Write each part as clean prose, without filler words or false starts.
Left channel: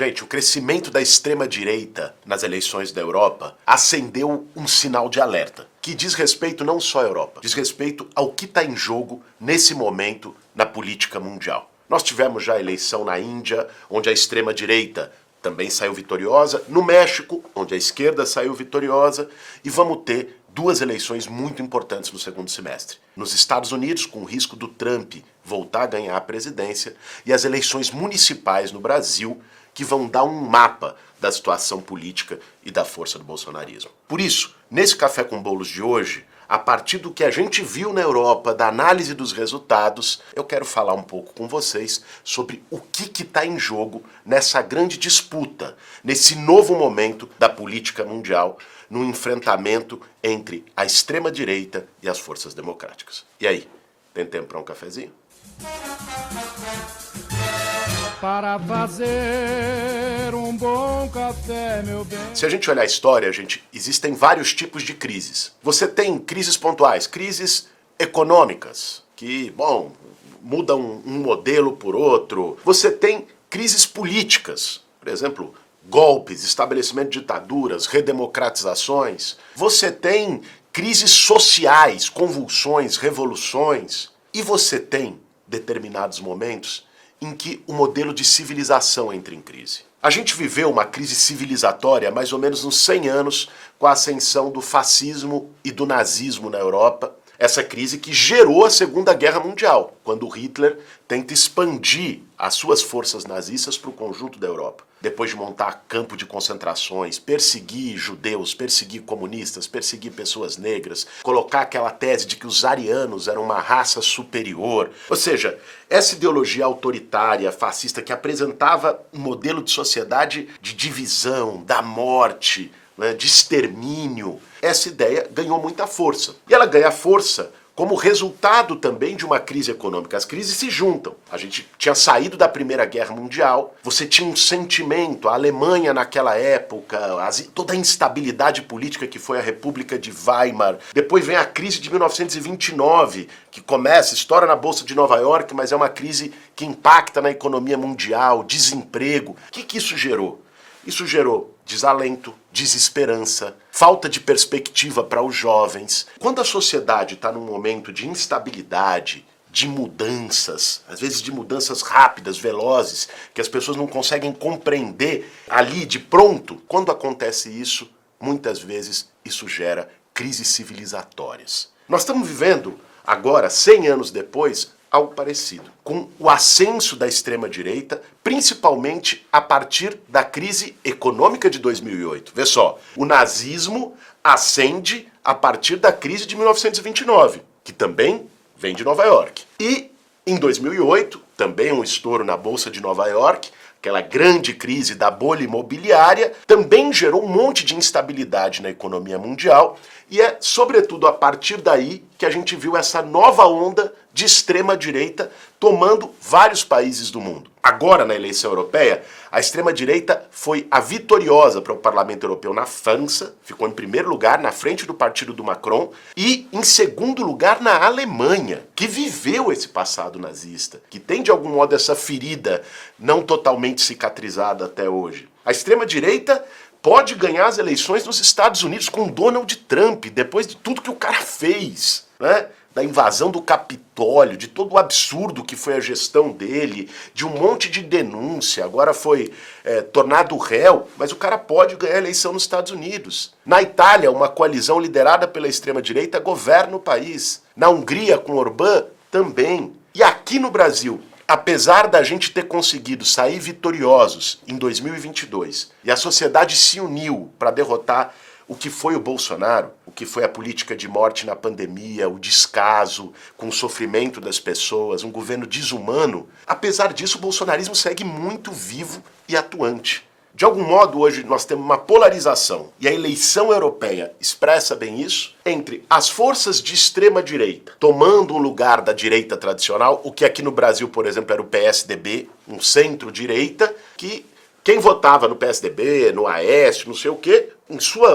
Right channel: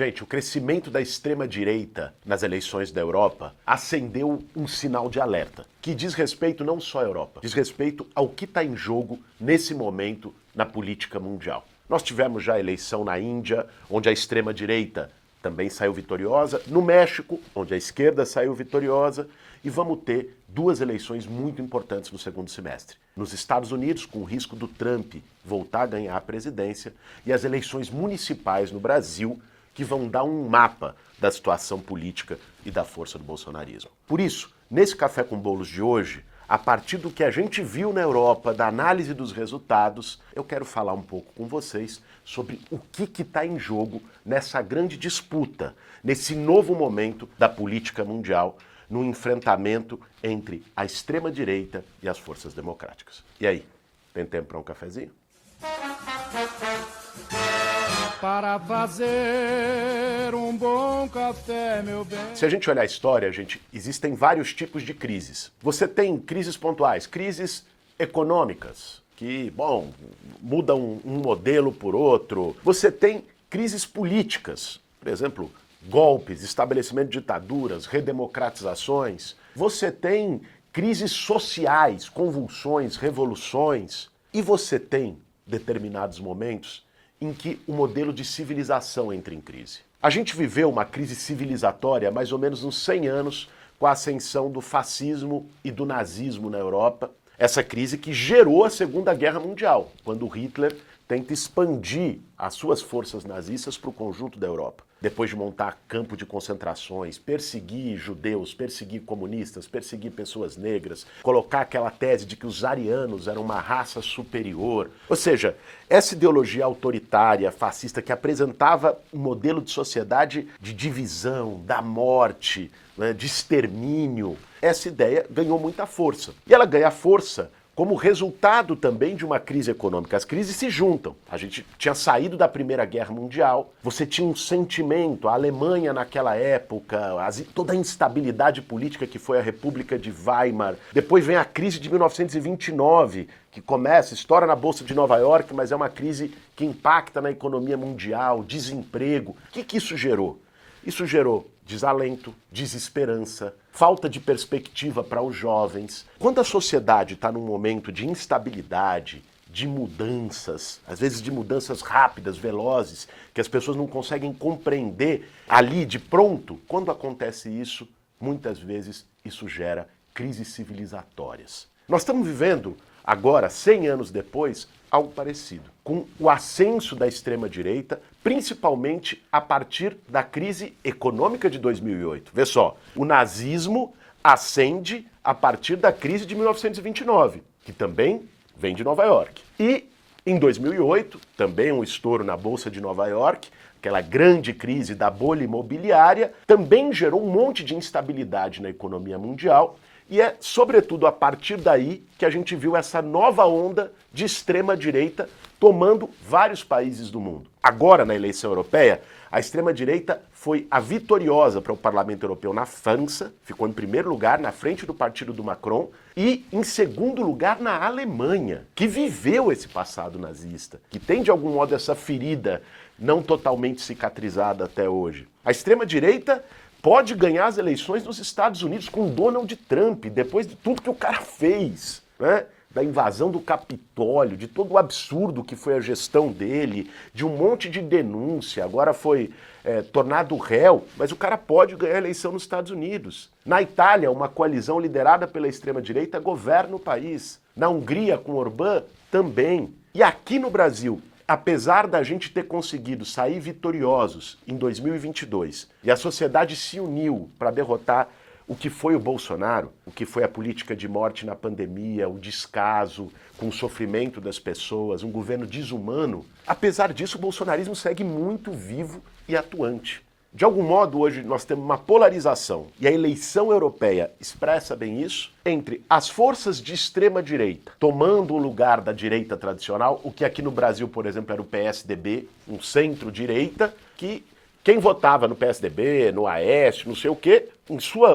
Gente, o crescimento da extrema-direita nas eleições da Europa acendeu um sinal de alerta, que diz respeito não só à Europa, diz respeito ao que está em jogo nesse momento na política mundial. Nós tivemos já a eleição na Índia, onde a extrema-direita também saiu vitoriosa, no México, onde a esquerda saiu vitoriosa, e vamos ter duas eleições muito importantes no segundo semestre. Nos Estados Unidos, com o risco do Trump voltar a ganhar a presidência, e as eleições municipais no Brasil, que vão dar um mapa da situação política e da força do bolsonarismo. Por isso, nesse Café com Bolos de hoje, a partir do que a gente viu na Europa, da análise dos resultados, eu quero falar um pouco com vocês sobre o que está em jogo nessa grande disputa, nesse novo momento da política mundial, no enfrentamento entre a extrema-direita e as forças democráticas. E aí, tem tempo para um cafezinho? Para fazer um bom café, meu bem. Se a gente olhar a história, existem vários tipos de crises. Você tem crises pontuais, crises econômicas, que, mudam um modelo por outro. Você tem crises políticas, por exemplo, golpes, estabelecimento de ditaduras, redemocratizações. Você tem crises sociais, convulsões, revoluções. E você tem determinados momentos em que o modelo de civilização entra em crise. A gente viveu uma crise civilizatória mais ou menos uns 100 anos com a ascensão do fascismo e do nazismo na Europa. Essa crise que gerou a Segunda Guerra Mundial, quando Hitler tenta expandir as suas forças nazistas para o conjunto da Europa. Depois de montar campo de concentrações, perseguir judeus, perseguir comunistas, perseguir pessoas negras, colocar aquela tese de que os arianos eram uma raça superior. Ou seja, essa ideologia autoritária, fascista, que apresentava um modelo de sociedade de divisão, da morte, né, de extermínio, essa ideia ganhou muita força. E ela ganha força como resultado também de uma crise econômica. As crises se juntam. A gente tinha saído da Primeira Guerra Mundial, você tinha um sentimento, a Alemanha naquela época, toda a instabilidade política que foi a República de Weimar. Depois vem a crise de 1929, que estoura na Bolsa de Nova York, mas é uma crise que impacta na economia mundial, desemprego. O que isso gerou? Isso gerou desalento, desesperança, falta de perspectiva para os jovens. Quando a sociedade está num momento de instabilidade, de mudanças, às vezes de mudanças rápidas, velozes, que as pessoas não conseguem compreender ali de pronto, quando acontece isso, muitas vezes isso gera crises civilizatórias. Nós estamos vivendo agora, 100 anos depois, algo parecido, com o ascenso da extrema-direita, principalmente a partir da crise econômica de 2008. Vê só, o nazismo ascende a partir da crise de 1929, que também vem de Nova York. E, em 2008, também um estouro na Bolsa de Nova York, aquela grande crise da bolha imobiliária, também gerou um monte de instabilidade na economia mundial, e é, sobretudo, a partir daí que a gente viu essa nova onda de extrema-direita tomando vários países do mundo. Agora, na eleição europeia, a extrema-direita foi a vitoriosa para o Parlamento Europeu na França, ficou em primeiro lugar na frente do partido do Macron, e em segundo lugar na Alemanha, que viveu esse passado nazista, que tem de algum modo essa ferida não totalmente cicatrizada até hoje. A extrema-direita pode ganhar as eleições nos Estados Unidos com Donald Trump, depois de tudo que o cara fez, né? Da invasão do Capitólio, de todo o absurdo que foi a gestão dele, de um monte de denúncia, agora foi tornado réu, mas o cara pode ganhar a eleição nos Estados Unidos. Na Itália, uma coalizão liderada pela extrema-direita governa o país. Na Hungria, com Orbán, também. E aqui no Brasil, apesar da gente ter conseguido sair vitoriosos em 2022, e a sociedade se uniu para derrotar o que foi o Bolsonaro, o que foi a política de morte na pandemia, o descaso com o sofrimento das pessoas, um governo desumano, apesar disso o bolsonarismo segue muito vivo e atuante. De algum modo, hoje nós temos uma polarização, e a eleição europeia expressa bem isso, entre as forças de extrema-direita tomando o lugar da direita tradicional, o que aqui no Brasil, por exemplo, era o PSDB, um centro-direita, que quem votava no PSDB, no Aécio, não sei o quê,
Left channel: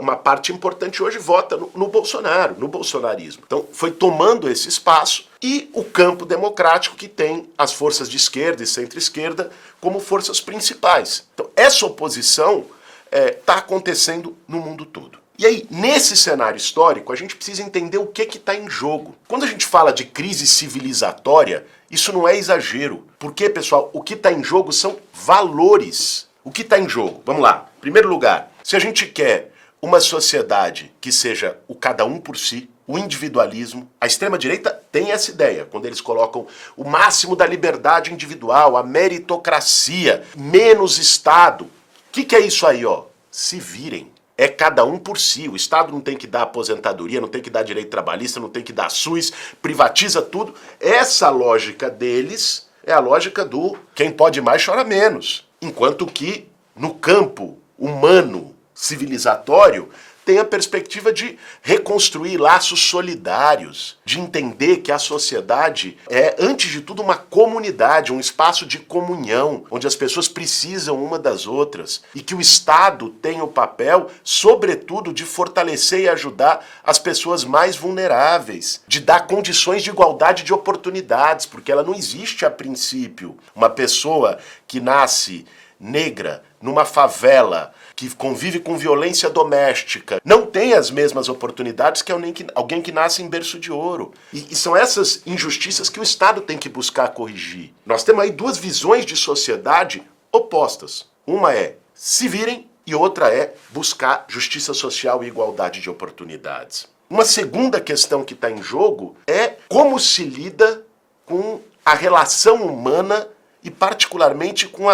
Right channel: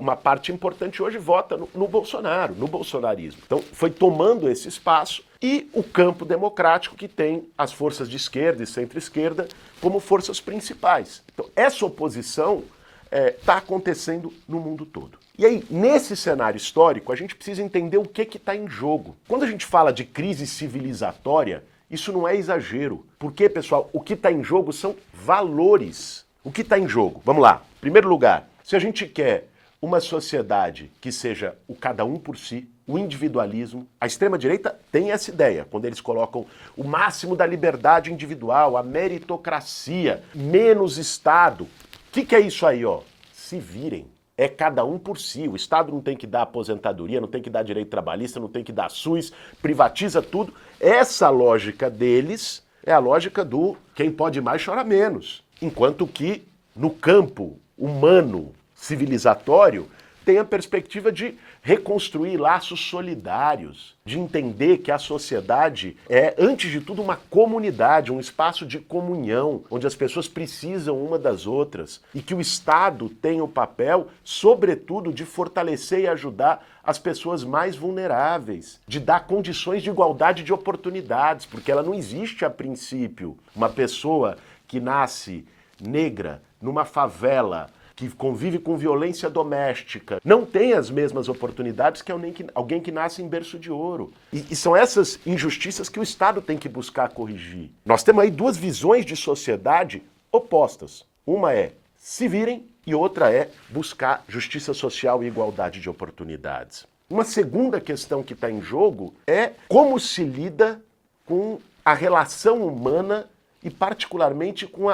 uma parte importante hoje vota no Bolsonaro, no bolsonarismo. Então foi tomando esse espaço e o campo democrático que tem as forças de esquerda e centro-esquerda como forças principais. Então essa oposição está acontecendo no mundo todo. E aí, nesse cenário histórico, a gente precisa entender o que está em jogo. Quando a gente fala de crise civilizatória, isso não é exagero. Porque, pessoal, o que está em jogo são valores. O que está em jogo? Vamos lá. Em primeiro lugar, se a gente quer uma sociedade que seja o cada um por si, o individualismo, a extrema-direita tem essa ideia, quando eles colocam o máximo da liberdade individual, a meritocracia, menos Estado. O que é isso aí, ó? Se virem. É cada um por si. O Estado não tem que dar aposentadoria, não tem que dar direito trabalhista, não tem que dar SUS, privatiza tudo. Essa lógica deles é a lógica do quem pode mais chora menos. Enquanto que no campo humano, civilizatório, tem a perspectiva de reconstruir laços solidários, de entender que a sociedade é, antes de tudo, uma comunidade, um espaço de comunhão, onde as pessoas precisam uma das outras, e que o Estado tem o papel, sobretudo, de fortalecer e ajudar as pessoas mais vulneráveis, de dar condições de igualdade de oportunidades, porque ela não existe a princípio. Uma pessoa que nasce negra numa favela, que convive com violência doméstica, não tem as mesmas oportunidades que alguém que nasce em berço de ouro. E são essas injustiças que o Estado tem que buscar corrigir. Nós temos aí duas visões de sociedade opostas. Uma é se virem e outra é buscar justiça social e igualdade de oportunidades. Uma segunda questão que está em jogo é como se lida com a relação humana e particularmente com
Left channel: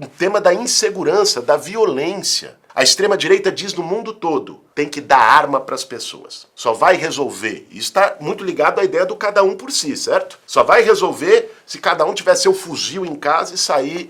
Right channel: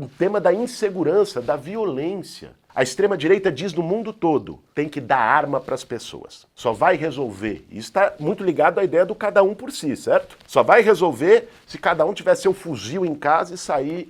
o tema da insegurança, da violência. A extrema-direita diz no mundo todo, tem que dar arma para as pessoas. Só vai resolver, isso está muito ligado à ideia do cada um por si, certo? Só vai resolver se cada um tiver seu fuzil em casa e sair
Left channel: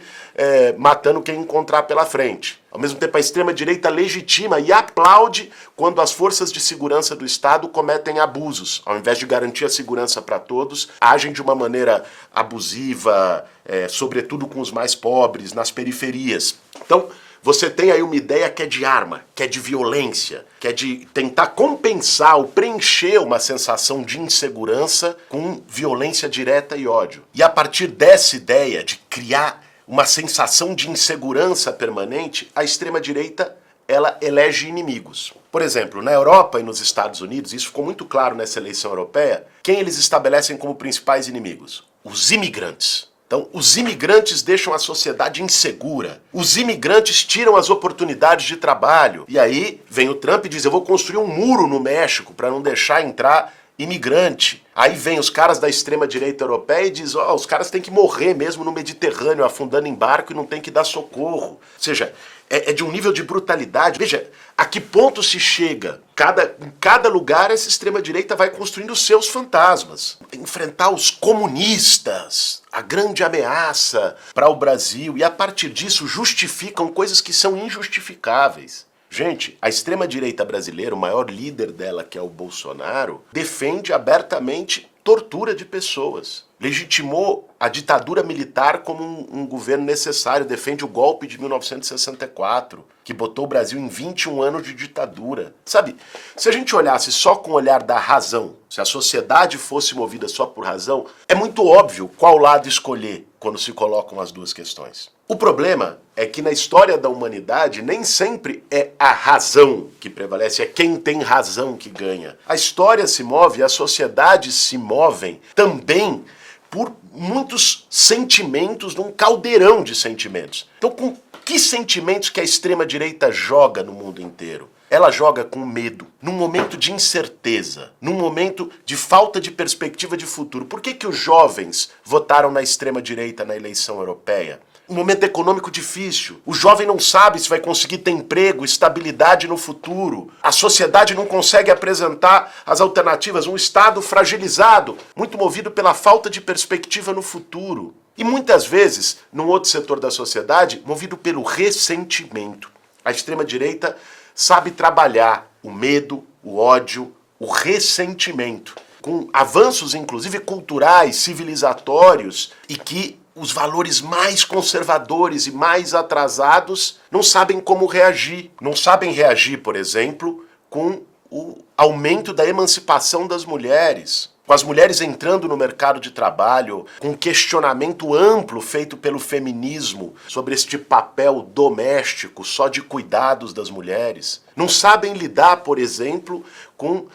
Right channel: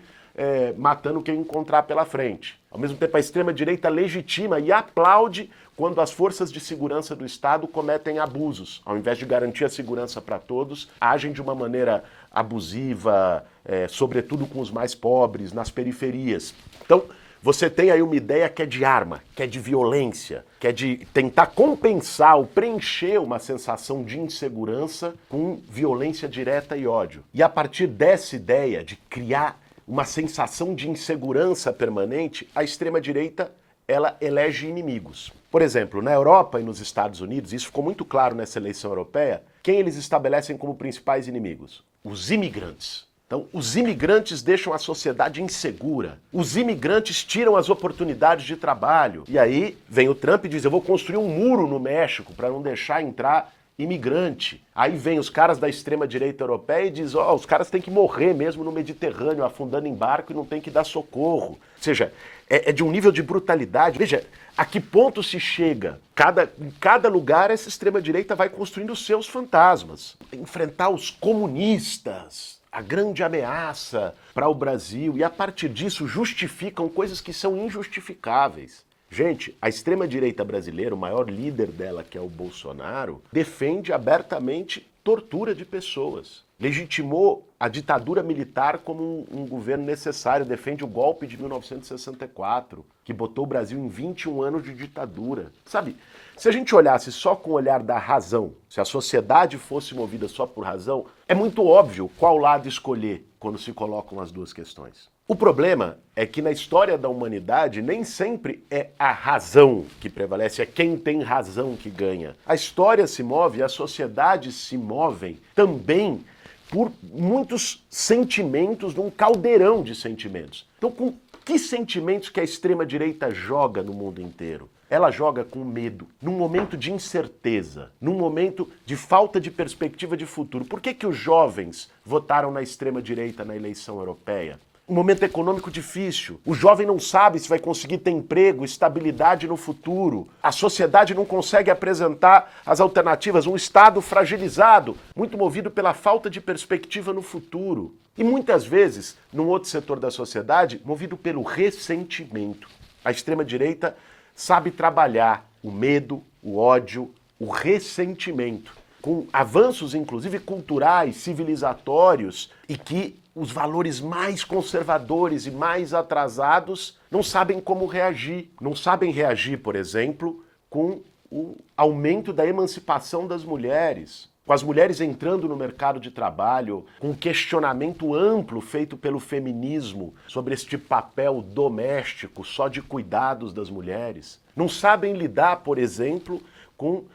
matando quem encontrar pela frente. Ao mesmo tempo, a extrema-direita legitima e aplaude quando as forças de segurança do Estado cometem abusos. Ao invés de garantir a segurança para todos, agem de uma maneira abusiva, sobretudo com os mais pobres, nas periferias. Então, você tem aí uma ideia que é de arma, que é de violência, que é de tentar compensar ou preencher uma sensação de insegurança com violência direta e ódio. E a partir dessa ideia de criar uma sensação de insegurança permanente, a extrema-direita, ela elege inimigos. Por exemplo, na Europa e nos Estados Unidos, isso ficou muito claro nessa eleição europeia, quem eles estabelecem como principais inimigos? Os imigrantes. Então, os imigrantes deixam a sociedade insegura. Os imigrantes tiram as oportunidades de trabalho. E aí vem o Trump e diz, eu vou construir um muro no México para não deixar entrar imigrante. Aí vem os caras da extrema-direita europeia e diz, os caras têm que morrer mesmo no Mediterrâneo, afundando em barco e não tem que dar socorro. Ou seja, é de um nível de brutalidade. Veja, a que ponto se chega? Em cada lugar, essa extrema-direita vai construindo os seus fantasmas. Enfrentar os comunistas, a grande ameaça para o Brasil, e a partir disso justificam coisas que são injustificáveis. Gente, a extrema-direita brasileira, o maior líder dela, que é o Bolsonaro, defende abertamente tortura de pessoas. Legitimou a ditadura militar como um governo necessário, defende o golpe de 1964, que botou o Brasil em 21 anos de ditadura. Sabe, se a gente olhasse só com o olhar da razão, se a sociedade fosse movida só por razão, é muito óbvio qual lado escolher quando se colocam as duas questões. O problema é que na história da humanidade nem sempre é a razão que prevalece, é quem tem razão que ganha. A história se move, as sociedades se movem também por muitos sentimentos, num caldeirão de sentimentos. Então, com que sentimentos que a extrema-direita joga no mundo inteiro? Ela joga com medo, num momento de incerteza, num momento de falta de perspectiva de futuro. Por que os jovens votaram na extrema-direita na eleição europeia? Um momento econômico difícil. O jovem não sabe se vai conseguir ter emprego, estabilidade no futuro. A sociedade não consegue apresentar as alternativas. Um Estado fragilizado, muito movido pela falta de perspectiva no futuro. E muitas vezes, num outro setor da sociedade, movido pelo ressentimento. A extrema-direita sabe trabalhar o medo, o ódio, o ressentimento, com avanços, inclusive, culturais, civilizatórios, e que os valores mais conservadores e mais atrasados não sabem como reagir. Não sabem reagir, por exemplo, com o aumento da emancipação das mulheres, com as mulheres entrando no mercado de trabalho, com um questionamento amplo feito pelo feminismo sobre este papel doméstico só de cuidados das mulheres. Não sabem lidar, por exemplo, com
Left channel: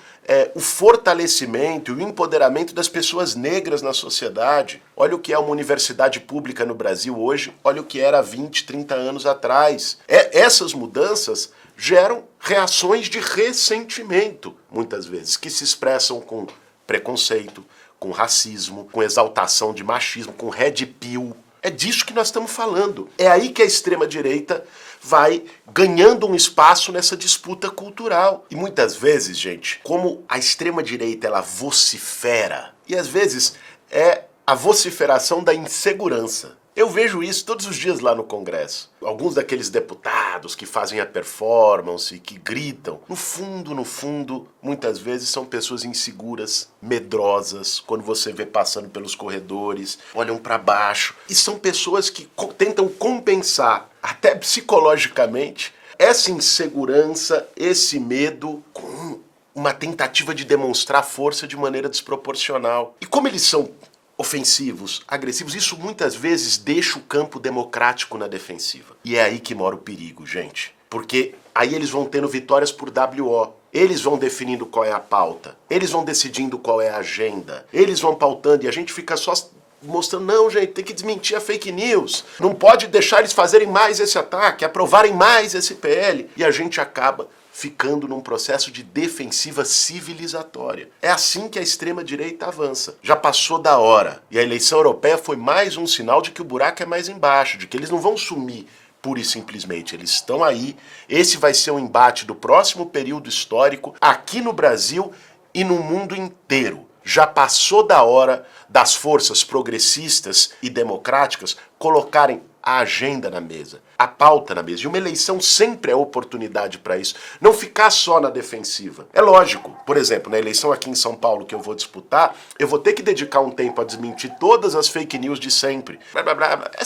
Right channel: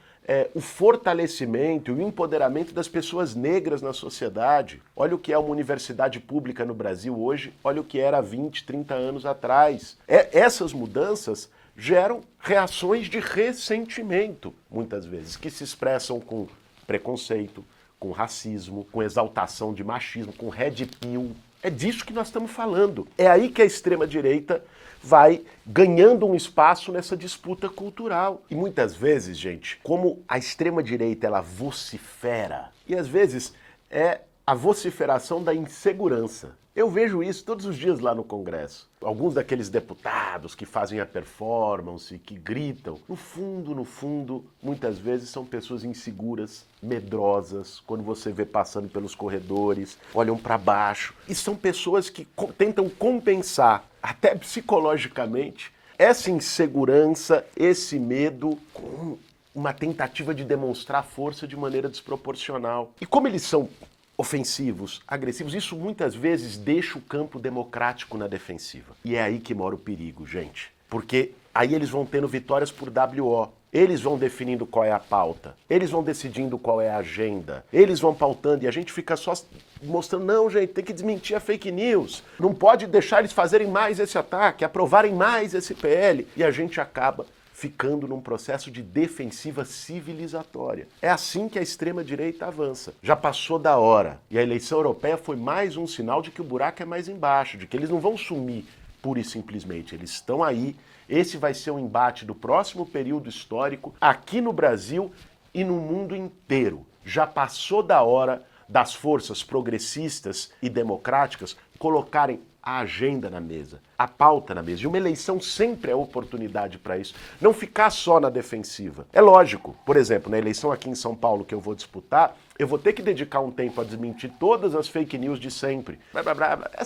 o fortalecimento e o empoderamento das pessoas negras na sociedade. Olha o que é uma universidade pública no Brasil hoje, olha o que era há 20, 30 anos atrás. Essas mudanças geram reações de ressentimento, muitas vezes, que se expressam com preconceito, com racismo, com exaltação de machismo, com red pill. É disso que nós estamos falando. É aí que a extrema-direita vai ganhando um espaço nessa disputa cultural. E muitas vezes, gente, como a extrema-direita ela vocifera, e às vezes é a vociferação da insegurança. Eu vejo isso todos os dias lá no Congresso. Alguns daqueles deputados que fazem a performance, que gritam, no fundo, muitas vezes são pessoas inseguras, medrosas, quando você vê passando pelos corredores, olham para baixo. E são pessoas que tentam compensar, até psicologicamente, essa insegurança, esse medo, com uma tentativa de demonstrar força de maneira desproporcional. E como eles são ofensivos, agressivos, isso muitas vezes deixa o campo democrático na defensiva. E é aí que mora o perigo, gente. Porque aí eles vão tendo vitórias por WO. Eles vão definindo qual é a pauta. Eles vão decidindo qual é a agenda. Eles vão pautando e a gente fica só mostrando, não, gente, tem que desmentir a fake news. Não pode deixar eles fazerem mais esse ataque, aprovarem mais esse PL. E a gente acaba ficando num processo de defensiva civilizatória. É assim que a extrema-direita avança. Já passou da hora. E a eleição europeia foi mais um sinal de que o buraco é mais embaixo, de que eles não vão sumir pura e simplesmente. Eles estão aí. Esse vai ser o embate do próximo período histórico aqui no Brasil e no mundo inteiro. Já passou da hora das forças progressistas e democráticas colocarem a agenda na mesa, a pauta na mesa. E uma eleição sempre é oportunidade para isso. Não ficar só na defensiva. É lógico, por exemplo, na eleição aqui em São Paulo que eu vou disputar, eu vou ter que dedicar um tempo a desmentir todas as fake news de sempre.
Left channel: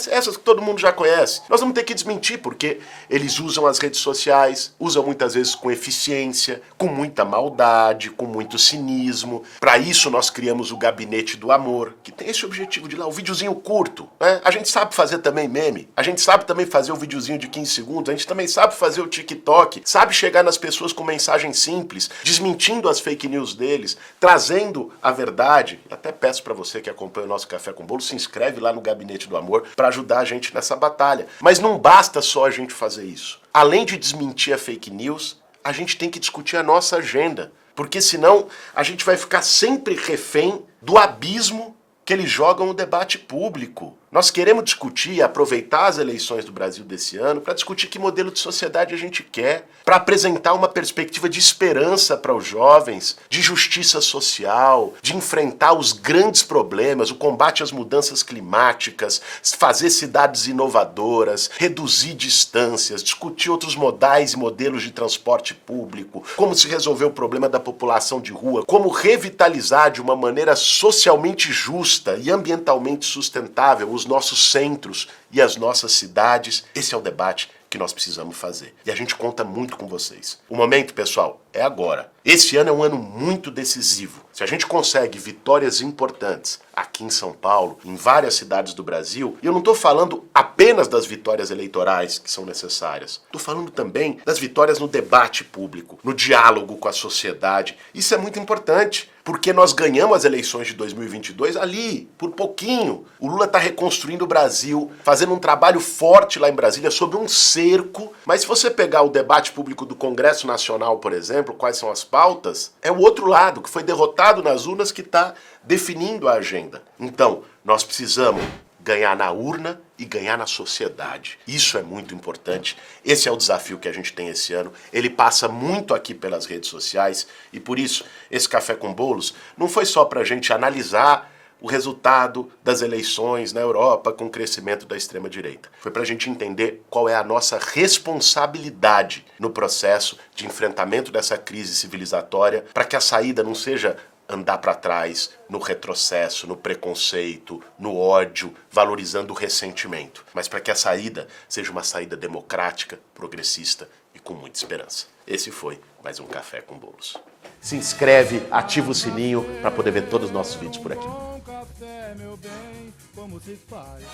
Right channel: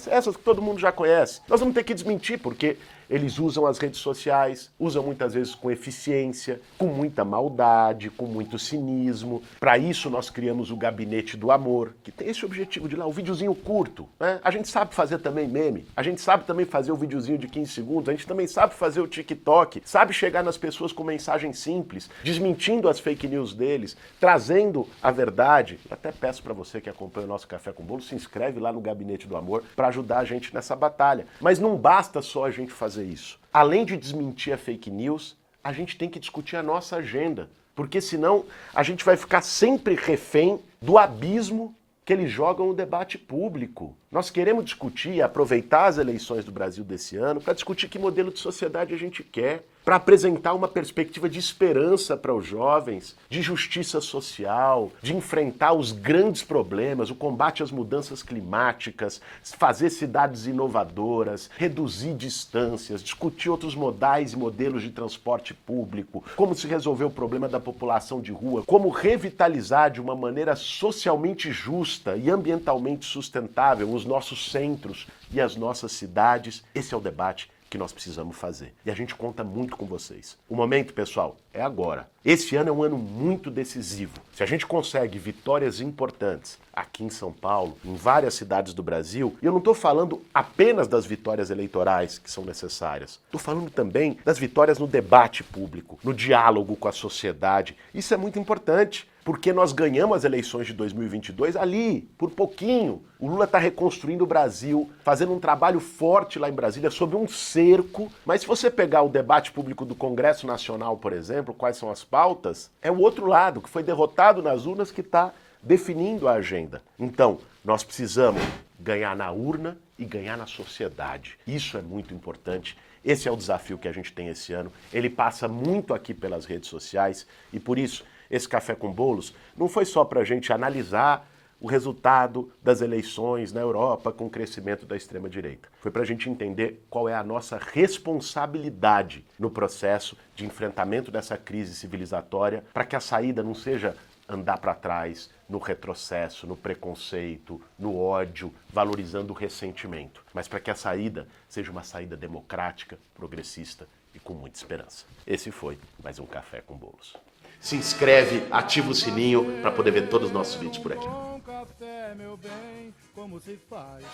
Essas que todo mundo já conhece. Nós vamos ter que desmentir porque eles usam as redes sociais, usam muitas vezes com eficiência, com muita maldade, com muito cinismo. Para isso nós criamos o Gabinete do Amor, que tem esse objetivo de lá, o videozinho curto, né? A gente sabe fazer também meme. A gente sabe também fazer o videozinho de 15 segundos, a gente também sabe fazer o TikTok, sabe chegar nas pessoas com mensagem simples, desmentindo as fake news deles, trazendo a verdade. Eu até peço para você que acompanha o nosso Café com Bolo, se inscreve lá no Gabinete do Amor para ajudar a gente nessa batalha. Mas não basta só a gente fazer isso. Além de desmentir a fake news, a gente tem que discutir a nossa agenda, porque senão a gente vai ficar sempre refém do abismo que eles jogam no debate público. Nós queremos discutir e aproveitar as eleições do Brasil desse ano para discutir que modelo de sociedade a gente quer, para apresentar uma perspectiva de esperança para os jovens, de justiça social, de enfrentar os grandes problemas, o combate às mudanças climáticas, fazer cidades inovadoras, reduzir distâncias, discutir outros modais e modelos de transporte público, como se resolver o problema da população de rua, como revitalizar de uma maneira socialmente justa e ambientalmente sustentável os nossos centros e as nossas cidades. Esse é o debate que nós precisamos fazer. E a gente conta muito com vocês. O momento, pessoal, é agora. Esse ano é um ano muito decisivo. Se a gente consegue vitórias importantes aqui em São Paulo, em várias cidades do Brasil, e eu não estou falando apenas das vitórias eleitorais que são necessárias, estou falando também das vitórias no debate público, no diálogo com a sociedade. Isso é muito importante, porque nós ganhamos as eleições de 2022 ali, por pouquinho. O Lula está reconstruindo o Brasil, fazendo um trabalho forte lá em Brasília sobre um cerco. Mas se você pegar o debate público do Congresso Nacional, por exemplo, quais são as pautas, é o outro lado, que foi derrotado nas urnas, que está definindo a agenda. Então, nós precisamos ganhar na urna e ganhar na sociedade. Isso é muito importante. Esse é o desafio que a gente tem esse ano. Ele passa muito aqui pelas redes sociais e por isso esse Café com Bolos não foi só para a gente analisar o resultado das eleições na Europa com o crescimento da extrema-direita. Foi para a gente entender qual é a nossa responsabilidade no processo de enfrentamento dessa crise civilizatória para que a saída não seja andar para trás no retrocesso, no preconceito, no ódio, valorizando o ressentimento, mas para que a saída seja uma saída democrática, progressista e com muita esperança. Esse foi mais um Café com Bolos. Se inscreve, ativa o sininho para poder ver todos os nossos vídeos por aqui. Bom café, meu bem, como se faz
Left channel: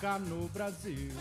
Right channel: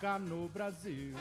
cá no Brasil.